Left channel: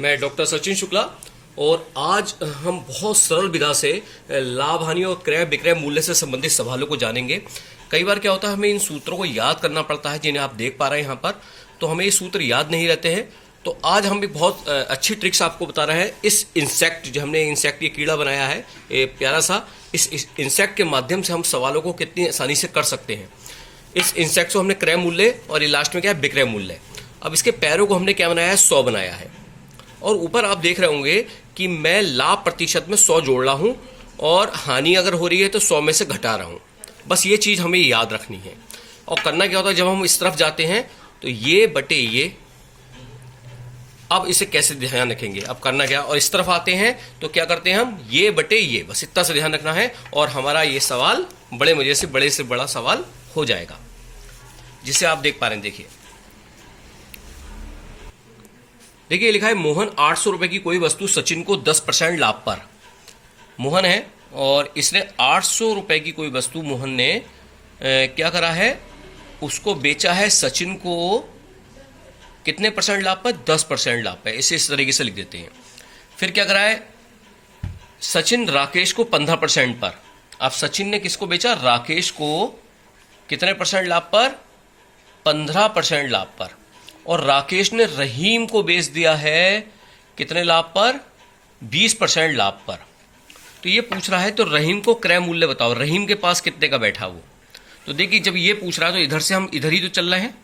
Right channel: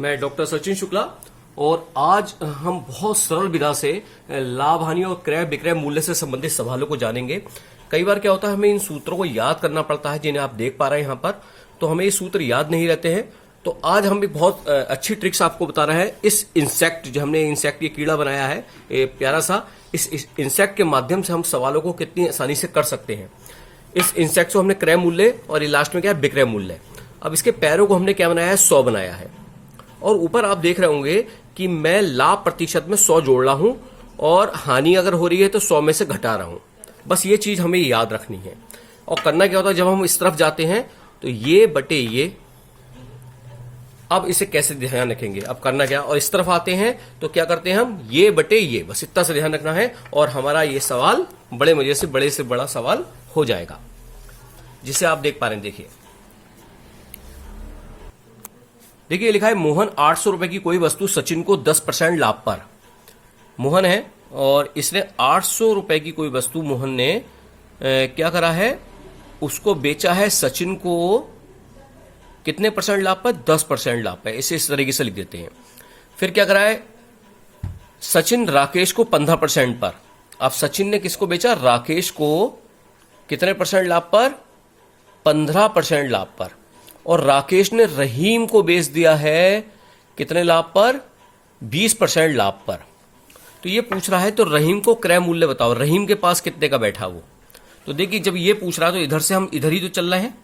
मैं डॉक्टर सचिन शुक्ला और आज हम बहुत सरल विधा से लाभ हानि और क्रय विक्रय मूल्य से संबंधित सवालों को जानेंगे। कई बार क्या होता है, हमें इन सूत्रों को याद करना पड़ता है जिन्हें आप देख पा रहे हैं यहाँ पर, तो हमें ये सूत्र याद नहीं रहते हैं। तो आज हम भी बहुत अच्छी ट्रिक्स आपको बता रहे हैं। इस इंसेक्ट जो हमने इंसेक्ट ये कीड़ा बनाया है, ये प्यारा सा, इस इंसेक्ट के माध्यम से हम सवालों को कितनी आसानी से कर सकते हैं। इस इंसेक्ट को हमने क्रय मूल्य और ये लास्ट में क्या है, विक्रय मूल्य। अब इसके पैरों को हमने क्या बनाया है, 100 बनाया है और ऊपर आप देख रहे होंगे कि मैं लाभ प्रतिशत में 100 जोड़ रहा हूं और हानि अगर हो रही है तो 100 में से घटा रहा हूं। बस ये चीज हमें याद रखनी है। और करना क्या होता है, जब हम इस तरफ जाते हैं तो ये बटे ये, अब इसे कैसे ध्यान रखेंगे, अब करना क्या, और इस तरफ आते हैं तो क्या करते हैं हम, ये बटे ये, बस इतना सा ध्यान रखना है और हमारा ये सवाल बड़े से बड़ा सवाल हो जाएगा, जिसे आप देख पा रहे हैं। देखिए लिखा है, मोहन 800 रुपए की कोई वस्तु सचिन को 10% लाभ पर। मोहन है और इसने 800 रुपए की कोई वस्तु मोहन ने क्या करा है, उसको बेचा है सचिन को कितने परसेंट लाभ पर, 10% लाभ पर। इसे इस तरीके से लिख देते हैं। फिर क्या करा है, सचिन राकेश को 15% पर। अब सचिन ने किसको बेचा, राकेश को कितने परसेंट लाभ पर, 15% लाभ पर। और राकेश ने रहीम को बेच दिया है कितने लाभ पर, 20% लाभ पर। तो ये पूछ रहा है तो रहीम को क्रय मूल्य बताओ, रहीम के पास कितने का बैठा वो। तो देखिए जब ये पूछ रहा है तो इधर से हम इधर ही तो चल रहे हैं,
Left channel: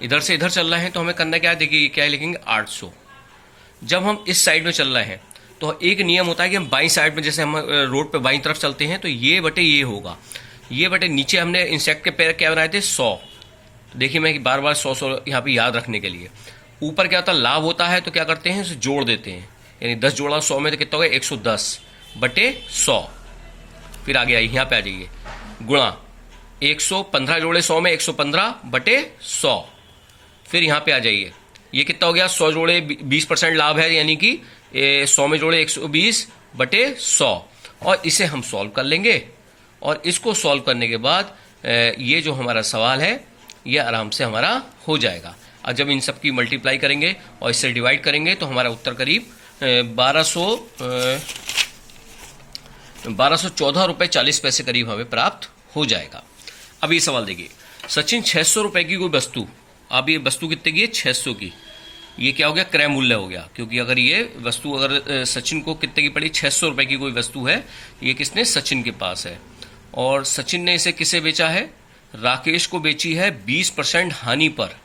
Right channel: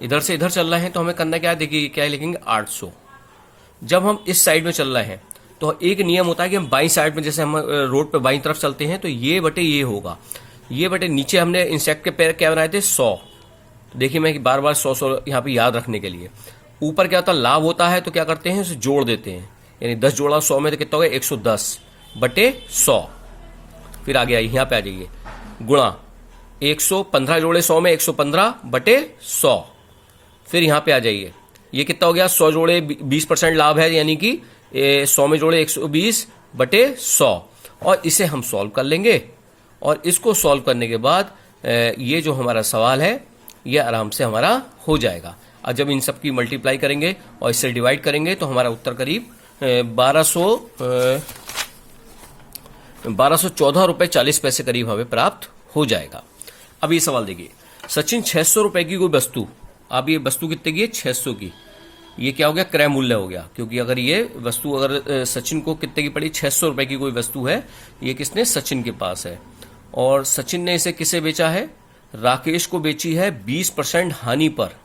इधर से इधर चल रहे हैं, तो हमें करना क्या है, देखिए क्या लिखेंगे, 800। जब हम इस साइड में चल रहे हैं तो एक नियम होता है कि हम बाईं साइड में, जैसे हम रोड पे बाईं तरफ चलते हैं तो ये बटे ये होगा, ये बटे नीचे हमने इंसेक्ट के पैर क्या बनाए थे, 100। देखिए मैं बार बार 100 यहाँ पे याद रखने के लिए। ऊपर क्या होता है, लाभ होता है तो क्या करते हैं, उसे जोड़ देते हैं, यानी 10 जोड़ा 100 में तो कितना हो गया, 110 बटे 100। फिर आगे आइए, यहाँ पे आ जाइए, गुणा 115 जोड़े 100 में 115 बटे 100। फिर यहाँ पे आ जाइए, ये कितना हो गया, 100 जोड़े 20% लाभ है, यानी कि 100 में जोड़े 120 बटे 100। और इसे हम सॉल्व कर लेंगे और इसको सॉल्व करने के बाद ये जो हमारा सवाल है ये आराम से हमारा हो जाएगा। और जब इन सब की मल्टीप्लाई करेंगे और इससे डिवाइड करेंगे तो हमारा उत्तर करीब 1214 रुपए 40 पैसे करीब हमें प्राप्त हो जाएगा। अब ये सवाल देखिए, सचिन 600 रुपए की कोई वस्तु, अब ये वस्तु कितने की है, 600 की। ये क्या हो गया, क्रय मूल्य हो गया, क्योंकि अगर ये वस्तु अगर सचिन को कितने की पड़ी, 600 रुपए की कोई वस्तु है, ये किसने, सचिन के पास है। और सचिन ने इसे किसे बेचा है, राकेश को बेची है 20% हानि पर।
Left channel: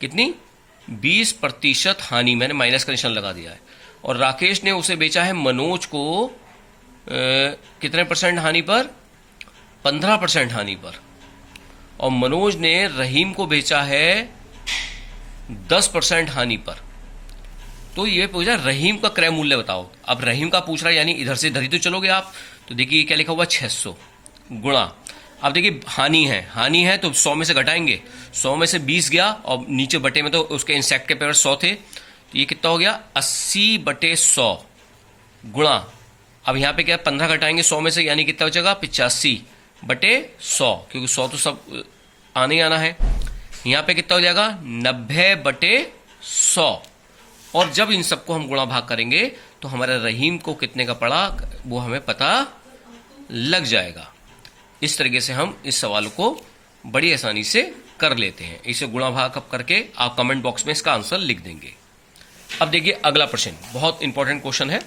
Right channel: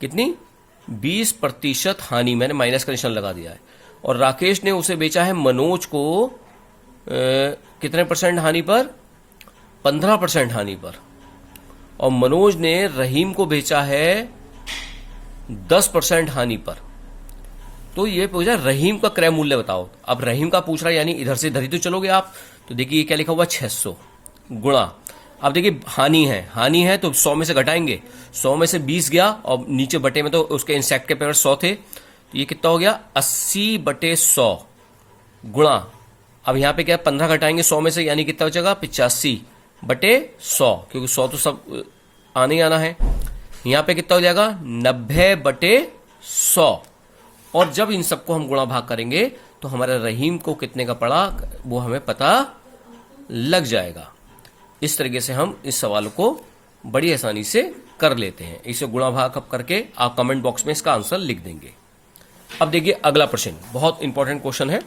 कितनी, 20% हानि, मैंने माइनस का निशान लगा दिया है। और राकेश ने उसे बेचा है मनोज को कितने परसेंट हानि पर, 15% हानि पर। और मनोज ने रहीम को बेचा है 10% हानि पर। तो ये पूछा रहीम का क्रय मूल्य बताओ। अब रहीम का पूछ रहा है, यानी इधर से इधर ही तो चलोगे आप। तो देखिए क्या लिखा हुआ, 600 गुणा, अब देखिए हानि है तो 100 में से घटाएंगे, 100 में से 20 गया और नीचे बटे में तो उसके इंसेक्ट के पेपर 100 थे, तो ये कितना हो गया, 80 बटे 100 गुणा, अब यहाँ पे क्या 15 घटाएंगे 100 में से, यानी कितना बचेगा, 85 बटे 100, क्योंकि 100 तो सब आने ही आना है। यहाँ पे कितना हो जाएगा, 90 बटे 100। और जब इन सबको हम गुणा भाग करेंगे तो हमारे रहीम को कितने का पड़ा वो हमें पता लग जाएगा। इस तरीके से हम इस सवाल को बड़ी आसानी से कर लेते हैं। इसे गुणा भाग करके आप कमेंट बॉक्स में इसका आंसर लिख देंगे। अब देखिए अगला प्रश्न, बहुत इंपॉर्टेंट क्वेश्चन है।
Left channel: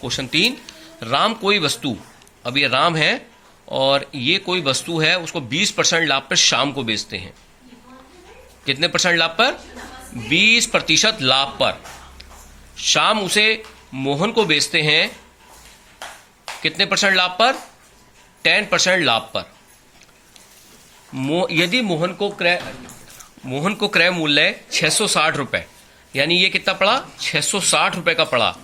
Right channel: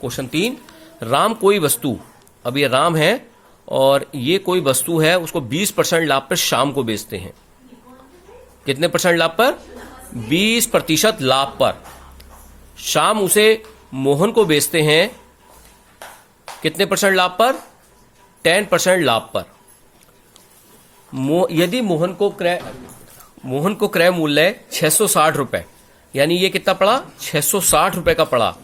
क्वेश्चन 3, राम कोई वस्तु, अब ये राम है और ये कोई वस्तु है, उसको 20% लाभ पर शाम को बेचते हैं। कितने परसेंट लाभ पर, 20% लाभ पर। शाम उसे मोहन को बेचते हैं कितने परसेंट लाभ पर, 10% लाभ पर। यदि मोहन को क्रय मूल्य 660 रुपए, यानी ये कितना पड़ा, 660 रुपए का पड़ा,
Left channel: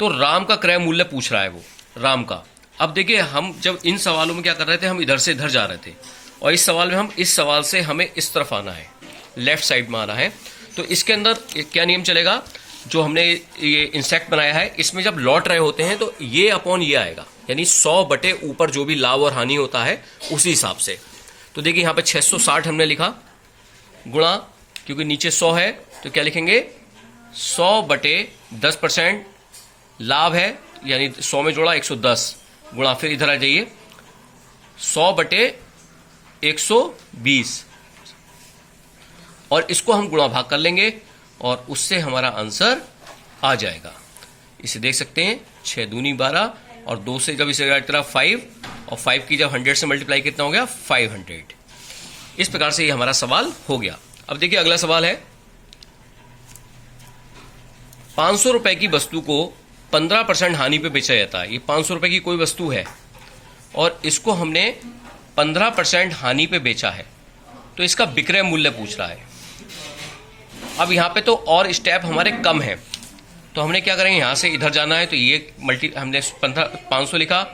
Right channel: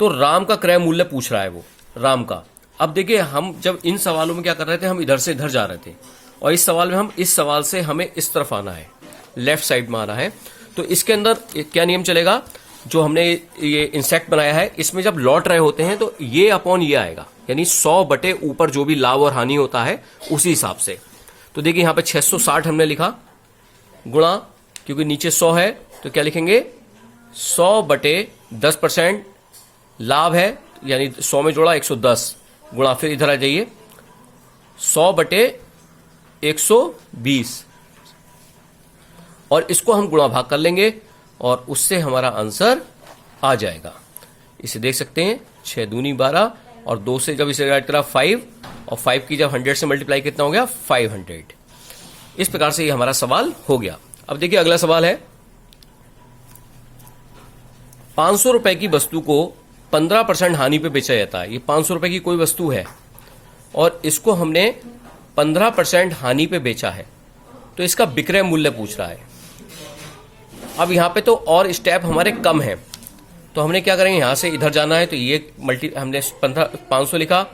तो राम का क्रय मूल्य पूछ रहा है वो, राम का। अब देखिए हम जब इन सवालों में क्या कर रहे थे, हम इधर से इधर जा रहे थे और इस सवाल में हम इस सवाल से हमें इस तरफ आना है, लेफ्ट साइड में आना है। तो इसके अंदर क्या नियम चलेगा, जो हमने ये इंसेक्ट बनाया है इसमें जब लौट रहे होते हैं तो ये अपॉन ये आएगा, यानी 100 बटे ऊपर जो भी लाभ और हानि होता है उसी हिसाब से। तो देखिए यहाँ पे 660 हमने लिखा, गुणा, क्योंकि नीचे 100 है तो क्या लिखेंगे, 100/10% लाभ है, यानी 100 में जोड़ा 110 गुणा, फिर इधर आ जाइए 100/120 और इसको हम गुणा भाग कर लेंगे और उससे हमारा आंसर आ जाएगा। इसे देख सकते हैं 6 दूनी 12 और 2 से जब इसे ऐड करा 5 और 5 की जब 100 से मल्टीप्लाई कितना हो गया 500। इस प्रकार से ये हमारा सवाल हो गया। अब देखिए अगला सवाल है 500 रुपए की वस्तु को 15% हानि पे बेचा जाता है। ये 500 रुपए की कोई वस्तु है और इसको हमने 15% हानि पे बेचा है, तो इसका विक्रय मूल्य पूछ रहा है। अब यहां पे तो और स्टेप हमारे कम है, तो हमने क्या करेंगे, यहां से इधर जाना है, तो ये हमने 500 लिखा,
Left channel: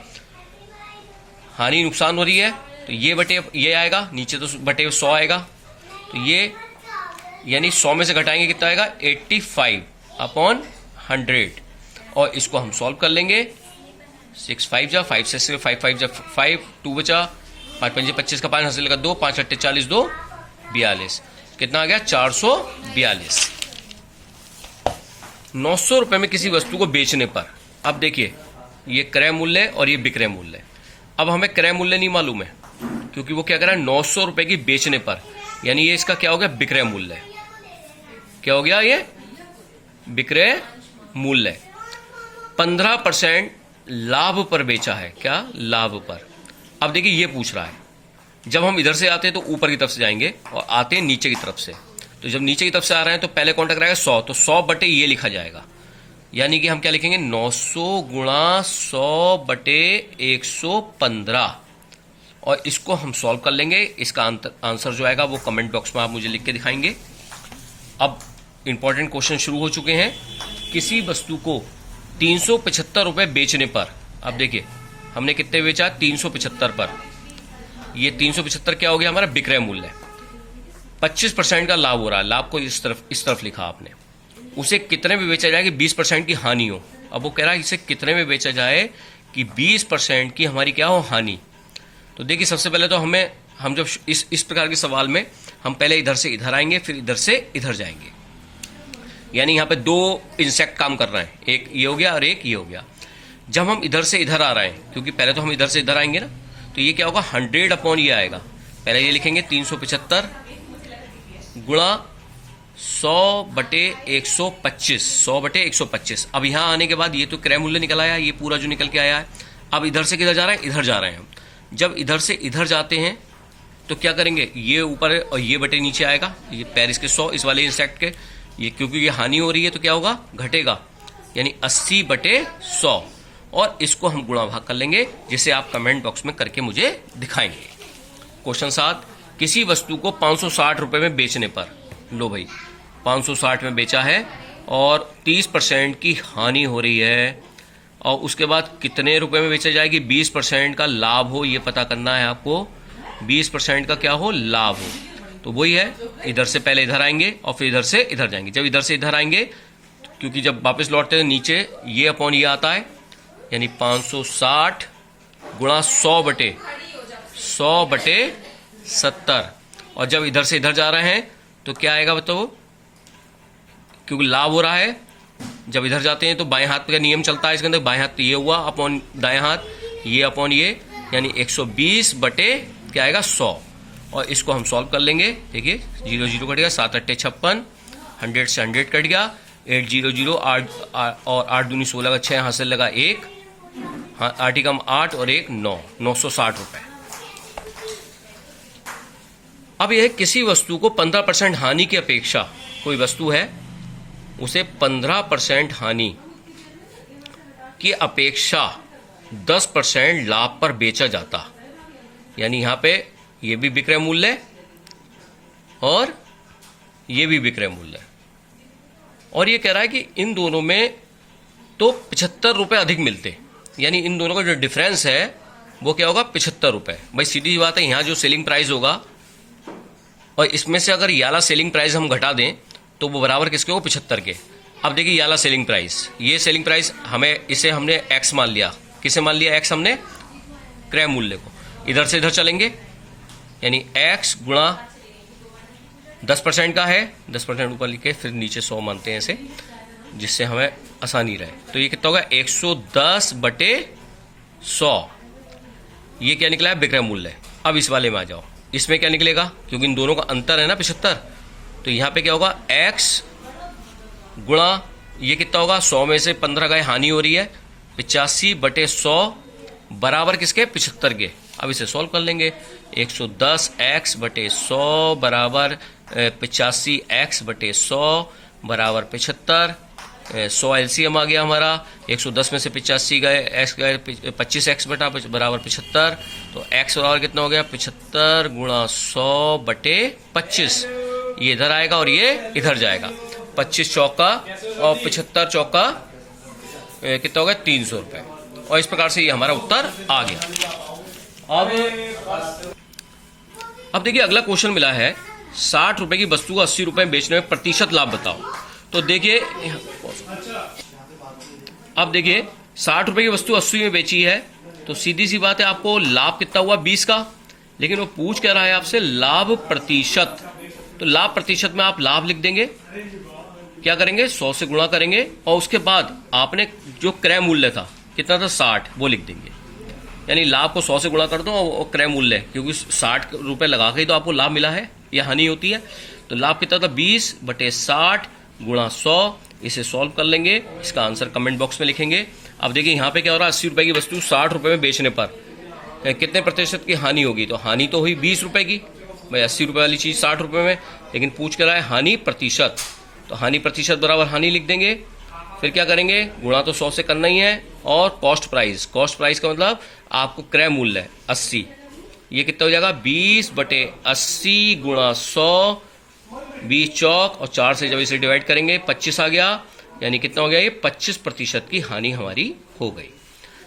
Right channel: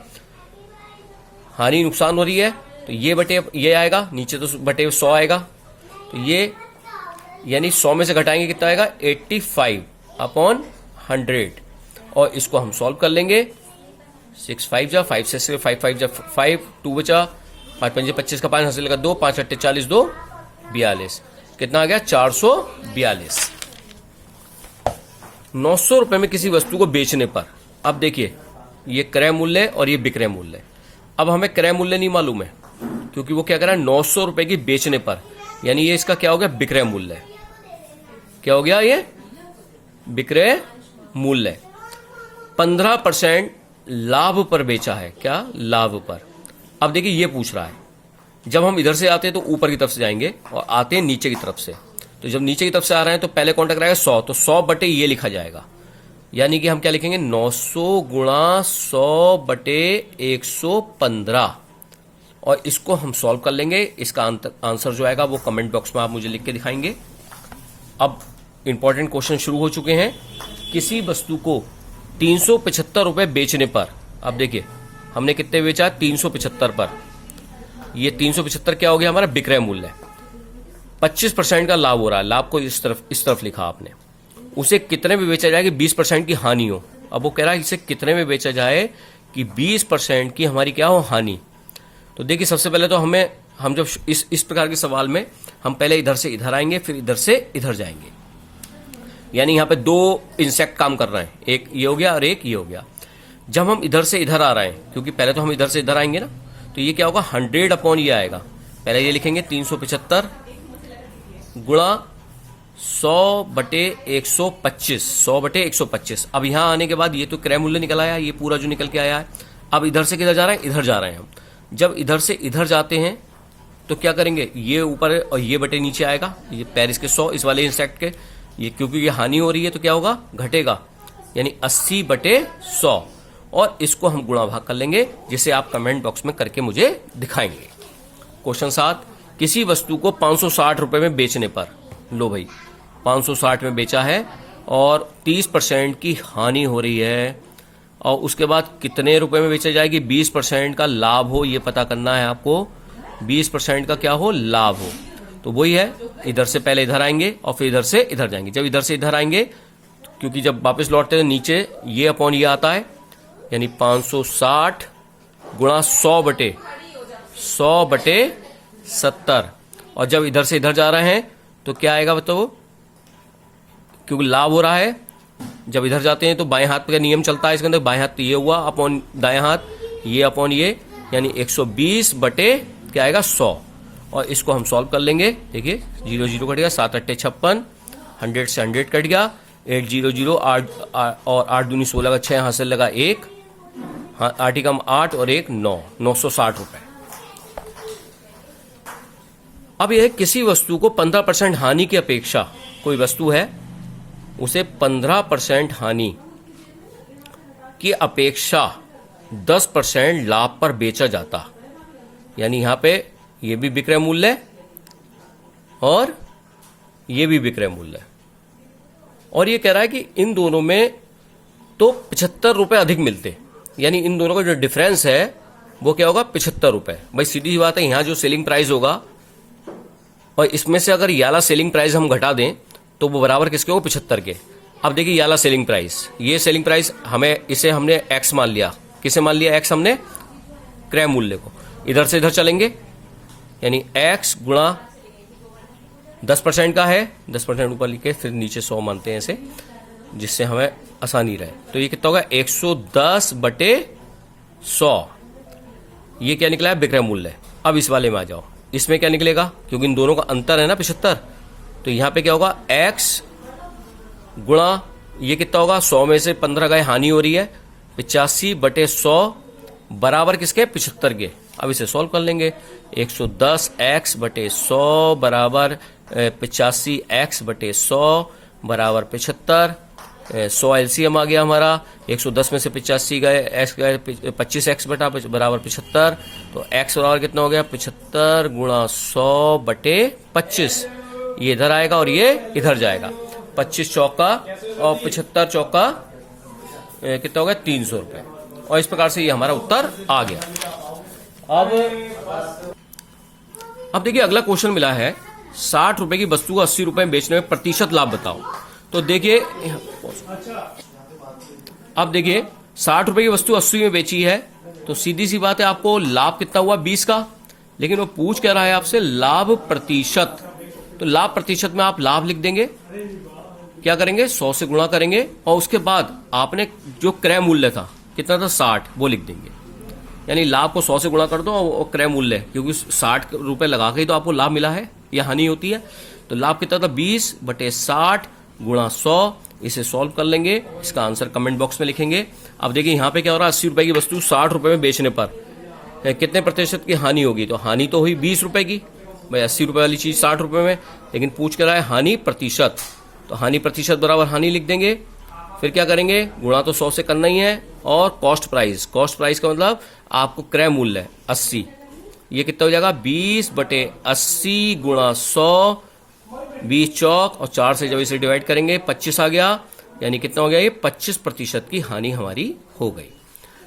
हानि नुकसान हो रही है तो ये बटे ये आएगा, नीचे तो बटे 100 आएगा, तो ये यानी 100 में से घटाएंगे कितना आएगा 85/100 और इसको हम सॉल्व कर लेंगे। 6 5 जा 5 से 5 5 जा 5 2 बचा, 5 5 25 का 5 हासिल का 2 5 8 40 2 42, कितना आ गया 442। 900 रुपए में किसी वस्तु को बेचने पर, अब देखिए ये क्रय मूल्य और ये विक्रय मूल्य। अब हमें क्रय मूल्य नहीं मालूम है क्योंकि वो क्या कर रहा है 900 रुपए की बेचने पर, यानी ये इसका क्या हो गया विक्रय मूल्य। क्या हो गया ये विक्रय मूल्य। 15% लाभ पर बेचा है, क्या लाभ पर। अब देखिए ये पूछ रहा है, जब हम इधर से आते हैं तो ऊपर की तरफ से जाएंगे और आते हैं नीचे की तरफ से, तो जब नीचे की तरफ से आ रहे हैं तो पहले कौन टकराएगा 100, तो 100 बटे ये लिखा जाएगा, यानी कि हम क्या लिखेंगे 900 गुणा 100 बटे 115 और इसको हम सॉल्व कर लेंगे। इसका आंसर जो आएगा वो कमेंट बॉक्स में आप मुझे लिख के दिखाएंगे। अब इंपॉर्टेंट क्वेश्चन शुरू हो चुके हैं। किसी वस्तु को 375 रुपए बेचने पर, अब देखिए हमने कितने बेचा 375 पर, ये 375 क्या हो गया हमारा विक्रय मूल्य। 25% का लाभ हो रहा है, लाभ को इस तरफ लिखा आपने। उसे कितने में बेचा जाए कि 20% की हानि हो। अब वो कह रहा है इसे कितने में बेचा जाए कि 20% की हमारी क्या हो हानि। तो देखिए सबसे पहले तो हम जब इस प्रकार के सवाल में हम पहले इधर से इधर आएंगे, फिर इधर से इधर जाएंगे, यानी यहां पे 2 इंसेक्ट काम कर रहे हैं, एक ये हो गया और एक ये हो गया। जब हम इधर से इधर आ रहे हैं, क्योंकि पहले तो हम इधर से इधर आएंगे ना, तो ये क्या होगा 100 ये आएगा। पहले ये लिखेंगे 375 गुणा 100 बटे 125, 100 बटे 125। अब यहां आने के बाद ये तो क्रय मूल्य निकल आया, ये पूरा जो निकल के आया है। अब इधर से किधर जा रहा है, इधर जा रहे हैं। जब इधर से इधर जाते हैं तो क्या करेंगे, ये ऊपर और ये बटे नीचे आएगा, ये पेरिस के 100 इस वाले इंसेक्ट के, ये क्योंकि ये हानि हो रही है तो क्या होगा घटेगा, यानी 80 बटे 100 और इसको हम गुणा भाग कर लेंगे, जिसे आप कमेंट बॉक्स में करके मुझे दिखाएंगे। क्वेश्चन 7, किसी वस्तु को 560 रुपए में बेचने पर, लो भाई 560 में बेचा है और 30% की हानि हो रही है, और उसके बाद कितने रुपए में बेचा जाएगी 20% का लाभ हो, ये पता करना है आपको। 20% का क्या हो लाभ हो, तो वही है, इधर से पहले इधर आएंगे और फिर इधर से इधर जाएंगे। जब इधर से इधर आएंगे, क्योंकि जब वापस लौटते हैं नीचे ये अपॉन ये आता है, यानी 560 गुणा 100 बटे 70, और जब इधर से इधर जा रहे हैं तो क्या आएगा बताओ, क्योंकि लाभ हो रहा है। जब इधर जाते हैं तो बाएं हाथ का नियम चलता है इसके अंदर, बाएं हाथ ये हुआ अपॉन दाएं हाथ, ये अपॉन ये, यानी 120 बटे क्या आएगा 100 और इसको हम सॉल्व कर लेंगे। देखिए 0 0 कट गया, 7 8 56, 100 से 100 कट गया, 8 0 0 8 और 8 दूनी 16 का 6 हासिल लगा 1, 8 ही कम 8 और 1 9, 960 रुपए। अब यह किसी वस्तु को 15% हानि की अपेक्षा, कोई वस्तु है उसे 15% हानि की अपेक्षा 10% लाभ पर बेचा जाता, यानी यहां पे ये भी विक्रय मूल्य और ये भी विक्रय मूल्य, और ये कह रहा है कि इन दोनों में तो 75 रुपए अधिक मिलते, यानी इन दोनों का जो डिफरेंस है वो क्या होगा 75 रुपए। भाई सीधी बात है, यहां जो सेलिंग प्राइस होगा और इसमें से अगर ये वाला सेलिंग प्राइस हम घटा दें तो वो बराबर किसके हो 75 के। अब देखिए ये वाला सेलिंग प्राइस, ये सेलिंग प्राइस इसे हमने एक्स मान लिया। किसे मान लिया एक्स हमने, क्रय मूल्य को। इधर से इधर चलेंगे, यानी एक्स गुणा 10% का है, 10% ऊपर लिखे, फिर नीचे 100 मानते हैं ऐसे, जिससे हमें आसानी रहे। तो ये कितना होगा 110/100। ये क्या निकला है विक्रय मूल्य। अब इस वाले में आ जाओ, इसमें क्या निकलेगा, क्योंकि इन दोनों का अंतर है ना 75, तो यहां पे क्या होगा x गुणा ये कितना होगा 100 में से 15 का हानि हो रही है, 85/100 बराबर किसके 75 के। अब इसे सॉल्व कर लेंगे। 110x/100 बराबर 85x/100 बराबर 75। 100 एलसीएम आ गया हमारा, 110 में से 85 गए, x गए 25x बराबर 75। तो x बराबर कितना हो गया 75 गुणा 100/25। ये इधर आएगा और ये इधर जाएगा। 25 चौका और 75 चौका कितना हो गया 300 रुपये। और इस प्रकार से ये हमारा उत्तर आ गया। अब देखिए अगला क्वेश्चन मिला है 60 रुपए की वस्तु को 80 रुपए में बेचने में प्रतिशत लाभ बताओ। तो देखिए अब देखिए 60 रुपए की वस्तु 80 में बेची है, तो सीधी सी बात है आपको लाभ कितना हुआ 20 का, लेकिन वो पूछ क्या रहा है आपसे लाभ प्रतिशत। तो लाभ प्रतिशत में आप लाभ लिख देंगे, क्या करेंगे 100 से गुणा करेंगे और उसके बाद आपने जो क्रय मूल्य था कितना था 60 वो लिख देंगे। यानी लाभ को 100 से गुणा कर दो और क्रय मूल्य, क्योंकि 60 रुपए लगा के ही तो आपको लाभ मिला है या हानि होती है। तो लाभ कितना था 20/60 गुणा 100। इसे सॉल्व कर लेंगे, इसका आंसर कमेंट बॉक्स में लिखेंगे। अब देखिए यहाँ पे क्या हो रहा है 80 रुपए की वस्तु 60 रुपए में बेचने पर कितने प्रतिशत की हानि होगी। तो हानि तो हुई 20 रुपए की, भाई 80 रुपए वाली चीज 60 रुपए में, लेकिन पूछ कर रहा है हानि प्रतिशत। तो हानि प्रतिशत बराबर हानि लिख देंगे। फिर क्या करेंगे गुणा तो 100 से करना ही है, और कॉस्ट प्राइस, कॉस्ट प्राइस का मतलब आपको क्रय मूल्य 80, ये कितना हो जाएगा 20/80 गुणा 100, 20 चौक और 4 से जब इसे डिवाइड करेंगे 25 आ गया, यानी कितना हो गया ये 25% की हानि हमारी हो गई।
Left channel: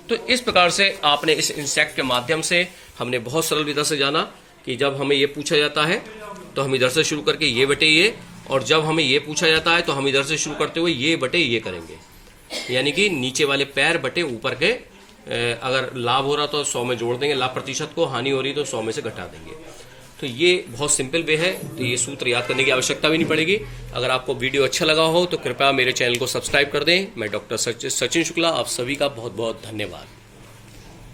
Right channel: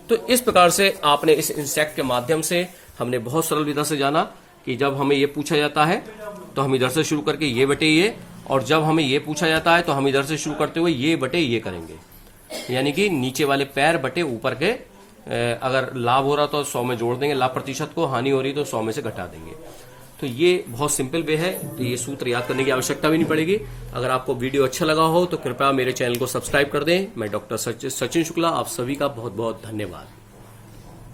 तो इस प्रकार से आपने इस इंसेक्ट के माध्यम से हमने बहुत सरल विधा से जाना कि जब हमें ये पूछा जाता है तो हम इधर से शुरू करके ये बटे ये, और जब हमें ये पूछा जाता है तो हम इधर से शुरू करते हुए ये बटे ये करेंगे। यानी कि नीचे वाले पैर बटे ऊपर के, अगर लाभ हो रहा तो 100 में जोड़ देंगे लाभ प्रतिशत को, हानि हो रही तो 100 में से घटा देंगे। तो ये बहुत सिंपल वे है, तो ये सूत्र याद करने की आवश्यकता भी नहीं पड़ेगी। अगर आपको वीडियो अच्छा लगा हो तो कृपया मेरे चैनल को सब्सक्राइब कर दें। मैं डॉक्टर सचिन शुक्ला, आप सभी का बहुत बहुत धन्यवाद।